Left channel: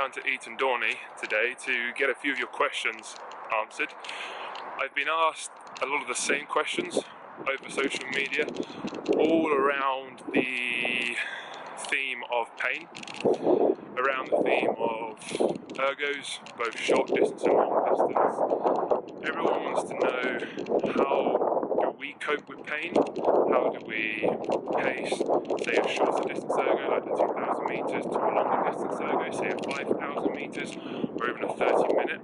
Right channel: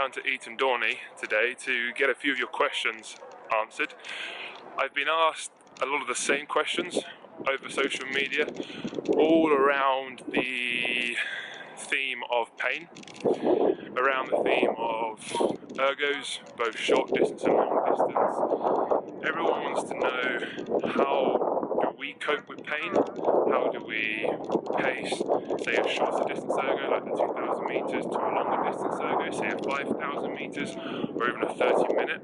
down to Eton Dorney today to get a few of your questions answered. I've been asked a lot of the same questions over social media, all around the theme of pain, around the theme of ergos, both short distance and long distance. Everyone wants to know, how do we cope with pain? How do we pace, say, a shorter distance ergo like the 2,000 metres to a longer distance ergo, say a 5,000 metres or even a 30-minute?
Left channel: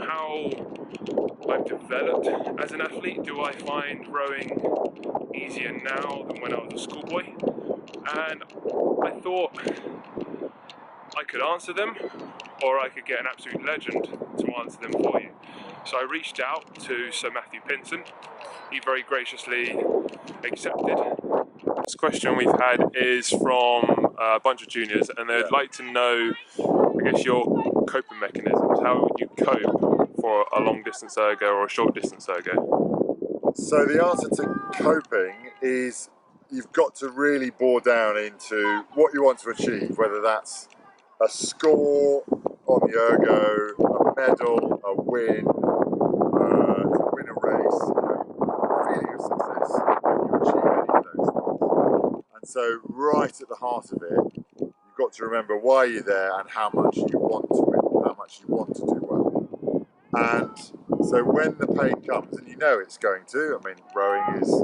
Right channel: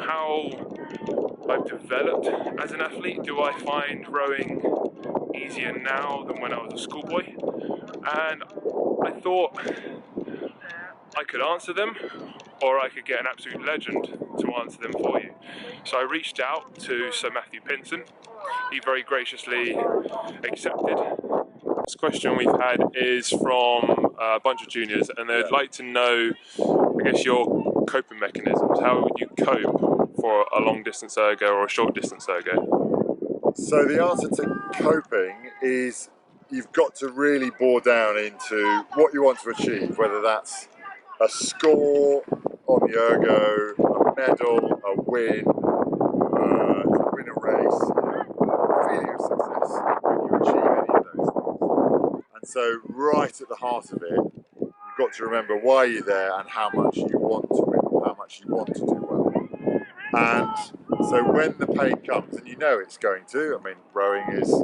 How I've developed as an athlete. Do I find rowing easier now than when I was a schoolboy? And I thought I could answer them, or I could get an absolute legend to answer them for you. So I reached out to Sir Matthew Pinsent. He very graciously accepted. This question we've had is from a bunch of juniors, and they'd like to know, I guess, your coping mechanisms. How would you cope for a long distance ergo or a short distance ergo? So the answer to coping is you've got to really bore down into what you want to achieve, whether that's a score on the ergo, a medal, a win, to win a race, feeling of success when you achieve any of those things. And so right at the heart of it, you've got to remember why you're there and how much you want to win, or how much you want to do well. And so when the pain comes, and you know it's going to, I mean, rowing is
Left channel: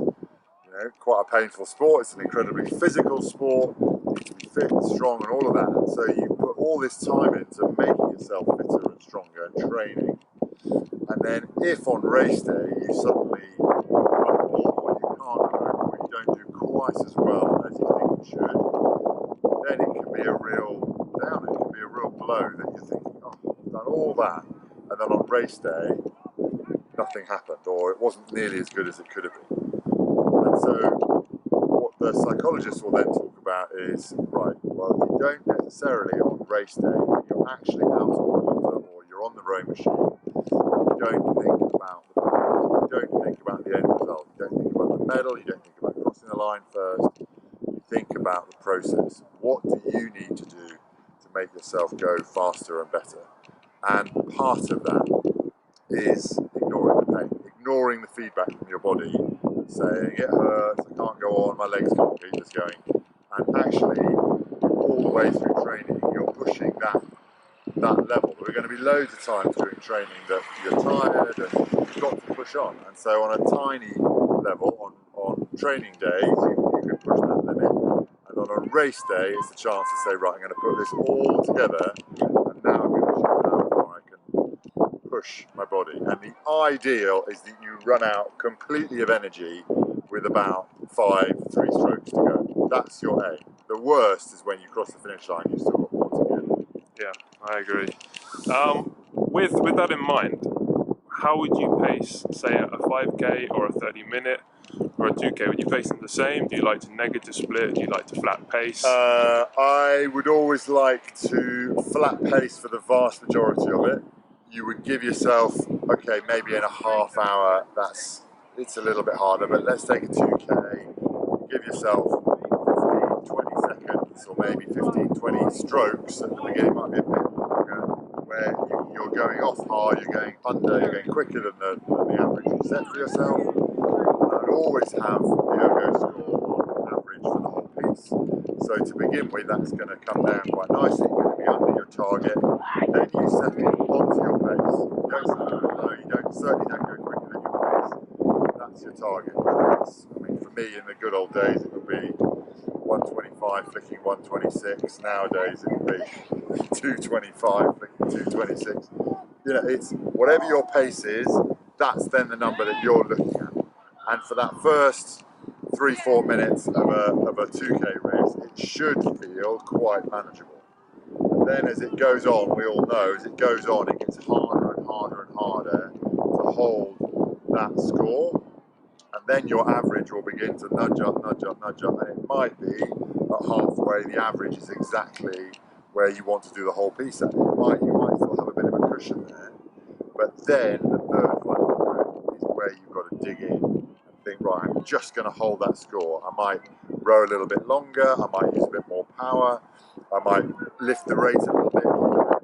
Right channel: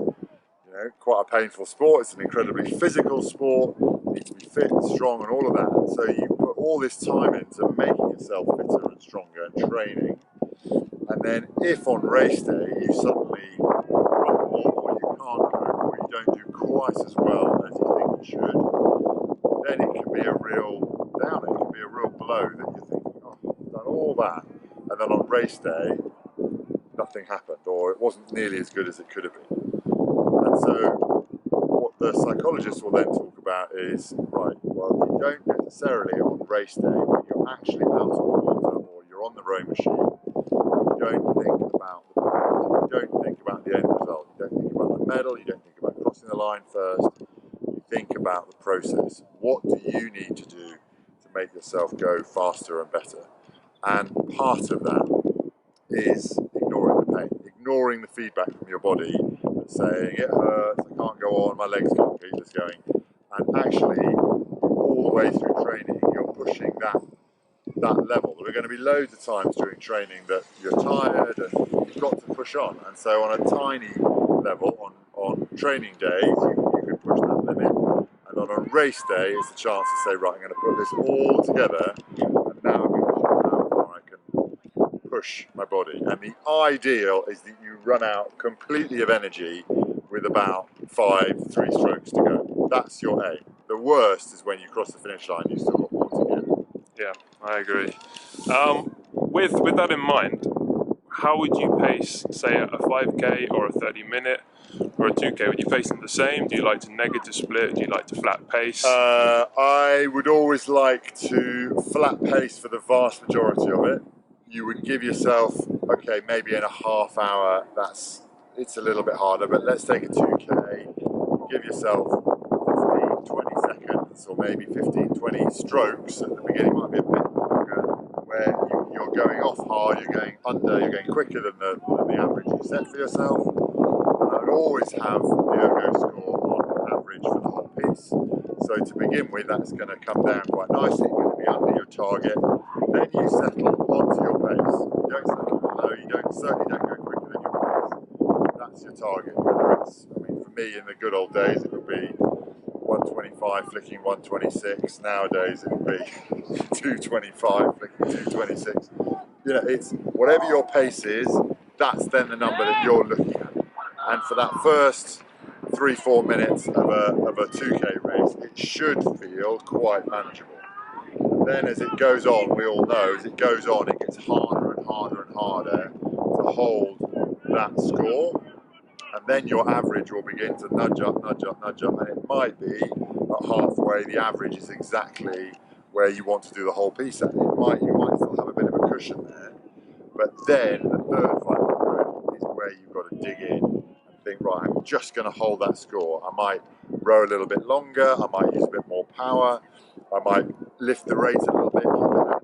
quite a painful sport. It's an incredibly physical sport. You need to be fit and strong and all of that. And so you put all this time into making yourself fitter and stronger and training. And then if on race day you suddenly crumble, or you can't cope, or you don't do quite as well as you think you should, then it can be a real downer. It can be a real blow that you're thinking, oh, I've done all that. And then on race day, nothing happened, or it wasn't nearly as good as it could have been. And so what the psychologists will then talk about is, right, well, you don't necessarily on race day, when you're actually out on the water or you're on the rowing machine, you don't think about the point, you don't think about the end result, you don't think about the medal, you don't think about crossing the line first, you think about the process. What do you need to do to make yourself go faster and better? And part of that is ignoring the pain, ignoring the feedback from your body that's saying it hurts, I can't go on, my legs can't keep this going. And actually, all the way through training, you're pushing that level. There are going to be loads of times during training that you're tired and you've got to push on. And so on a tiny level, on training days, you can push that limit. And on a race day, it's a chance to say, right, I'm going to put this all together, and now I'm going to show how far I can push my body. And the ideal is that you run out completely of energy with about 3 strokes to go. That's your aim. The worst is when you cross the finish line, you've still got more to give. Yeah, I agree. With that in mind, how would you pace, say, a 5k or a 30-minute or a 2k? Would you pace them the same? Do you like to negative split? Do you like to flat pace? I would always like to flat pace for the vast majority of it. You would give yourself, okay, maybe in a half hour, it's a little bit harder, but let's take a 2k, give yourself 15, 20 seconds, or maybe 15, 20 strokes at the beginning, might be a bit longer, where you're going off hard, you're going under, you're going quicker than the average you set for yourself. And I'd always have the ergo score on average for the whole piece. So to begin with, that's going to come down quite nicely, you're going to be under your target, then you settle onto your pace. You don't settle below, certainly don't go quicker than your pace. That's your target, whether it's, I mean, for me in the good old days it would be 125 flicking 126, nowadays it would be 225 flicking 226. It's whatever your pace is, that's then the number that you're looking at. And for that first 3-4 minutes of a 2k race, it should feel quite manageable. And then as it goes on, we all know, as it goes on, it gets harder and harder and harder to hold that score. And then your average will begin to nudge up, nudge up, nudge up, and it might be at halfway the average is exactly where you want to do the whole piece at. You might still have a bit of a cushion there, but then the third 500 is where you've got to dig in and think, right, I'm just going to hold that score. I might row a little bit longer, I might use a bit more power, I might lift the rate a little bit, keep the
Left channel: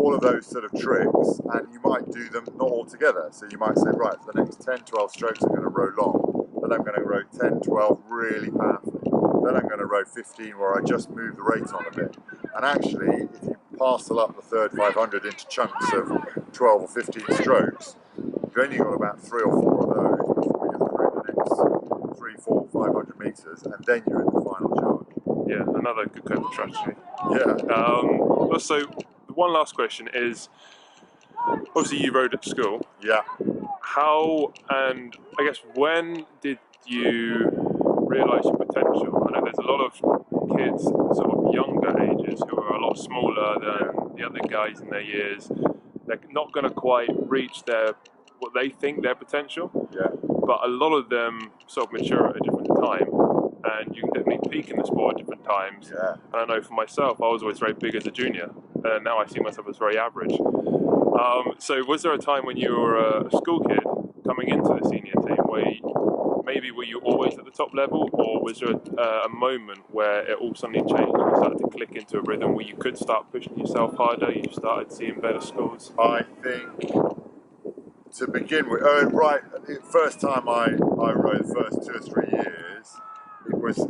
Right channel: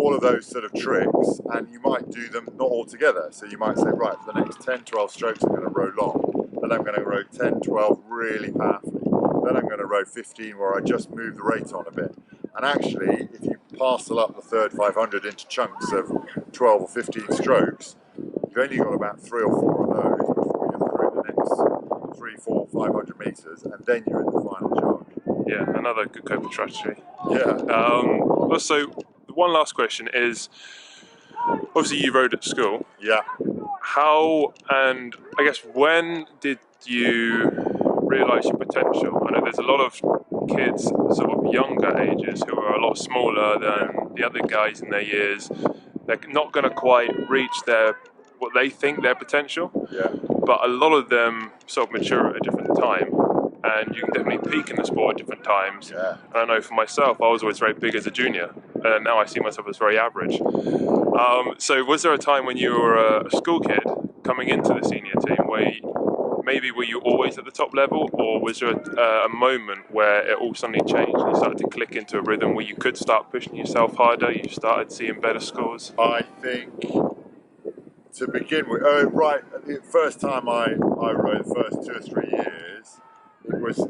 all of those sort of tricks, and you might do them not all together. So you might say, right, for the next 10, 12 strokes, I'm going to row long. Then I'm going to row 10, 12 really powerfully. Then I'm going to row 15 where I just move the rate on a bit. And actually, if you parcel up the third 500 into chunks of 12 or 15 strokes, you've only got about 3 or 4 of those before you're through the next 3, 4, 500 metres, and then you're in the final jog. Yeah, another good coping strategy. Yeah. Also, one last question is, obviously you rode at school. Yeah. How, and I guess when did you realise your potential? I know there's a lot of kids sort of younger ages who are a lot smaller than the other guys in their years. They're not going to quite reach what they think their potential. Yeah. But a lot of them sort of mature at a different time, and you can definitely peak in the sport at different times. Yeah. And I know for myself, I was always very big as a junior, and now I see myself as very average. So was there a time when you were a school kid coming into the senior team where were you always at the top level, or was there a moment where it all suddenly changed and you started to click into a rhythm where you could start pushing yourself harder, you started seeing better scores? I think to begin with, right, the first time I rode, the first 2 or 3 years, it was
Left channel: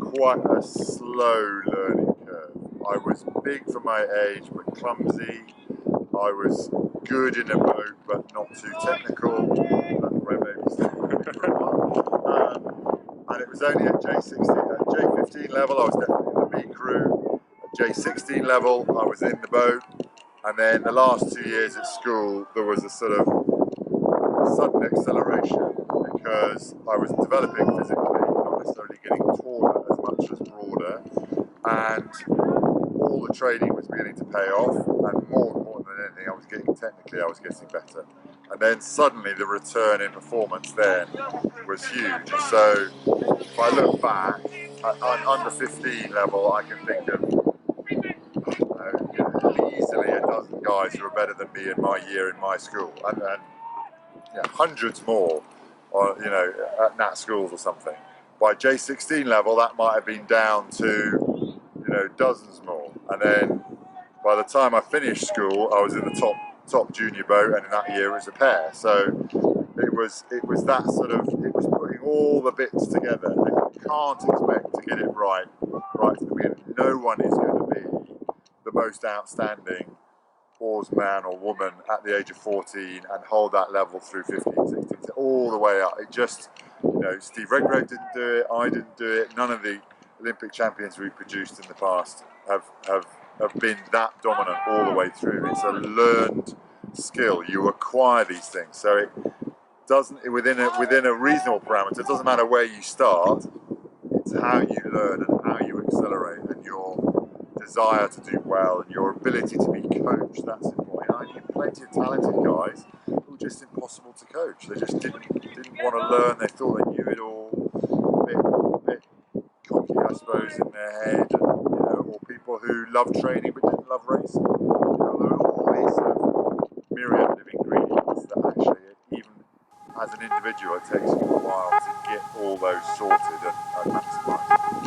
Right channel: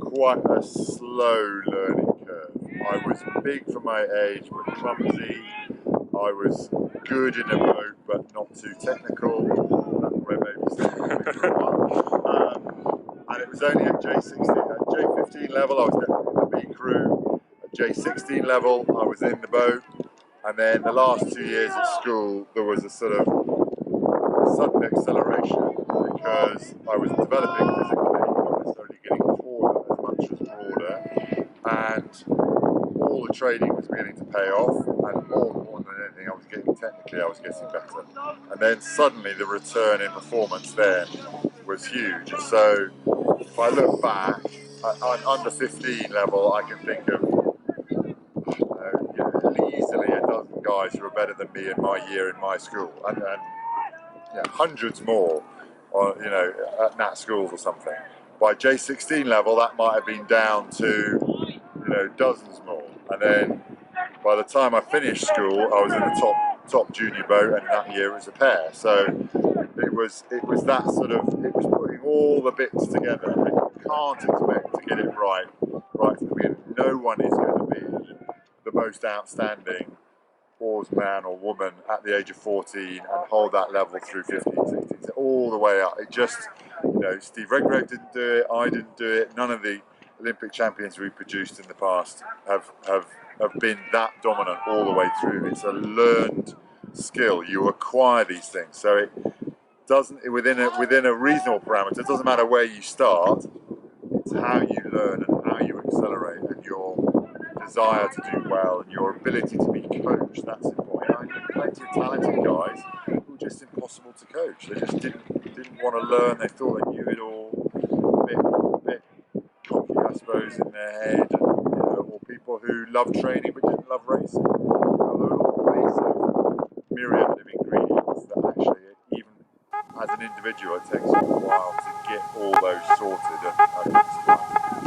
quite a slow learning curve. I was big for my age but clumsy. I was good in a boat but not too technical. That maybe stayed with me for a while. And it was only at J16, at J15 level I was definitely in the B crew. At J16 level I was in the boat. And then the last 2 years at school there was a sort of sudden acceleration because I was developing physically, not necessarily getting taller as much as broader, and all the training was beginning to pay off, and more important than anything, I was getting better. And then suddenly the return in performance then was huge. So if I look back, at under 15 level, I can think of easily a dozen guys who are better than me in my year in my school, and hundreds more, at Nat schools or something. By J16 level, that might have been down to, dozens more. And then by the time I finished school, I was in the top junior boat, and in that year it was a pair. So it was that sort of, it was putting all the bits together, and you can't expect to get it right from the beginning. No one is going to be the most outstanding oarsman or woman at the age of 14 and hold that level through 15, 16, all the way up. It just, Steve Redgrave didn't do it, I didn't do it, none of the Olympic champions we produced in the past have been that dominant all the way through. It's a learned skill. You acquire these things. So it doesn't, within a reasonable parameter, it doesn't matter where you start, it's how you learn and how you accelerate and your desire to do well and your ability to be coached. That's important. I knew plenty of talented guys who were just impossible to coach. They just didn't want to learn. They thought they knew it all. A bit cocky, I suppose, in their head, and, or people who loved training but didn't love racing. There are all these sort of myriad of ingredients that actually, even as an individual, it takes you a while to get all those sorted and maximised.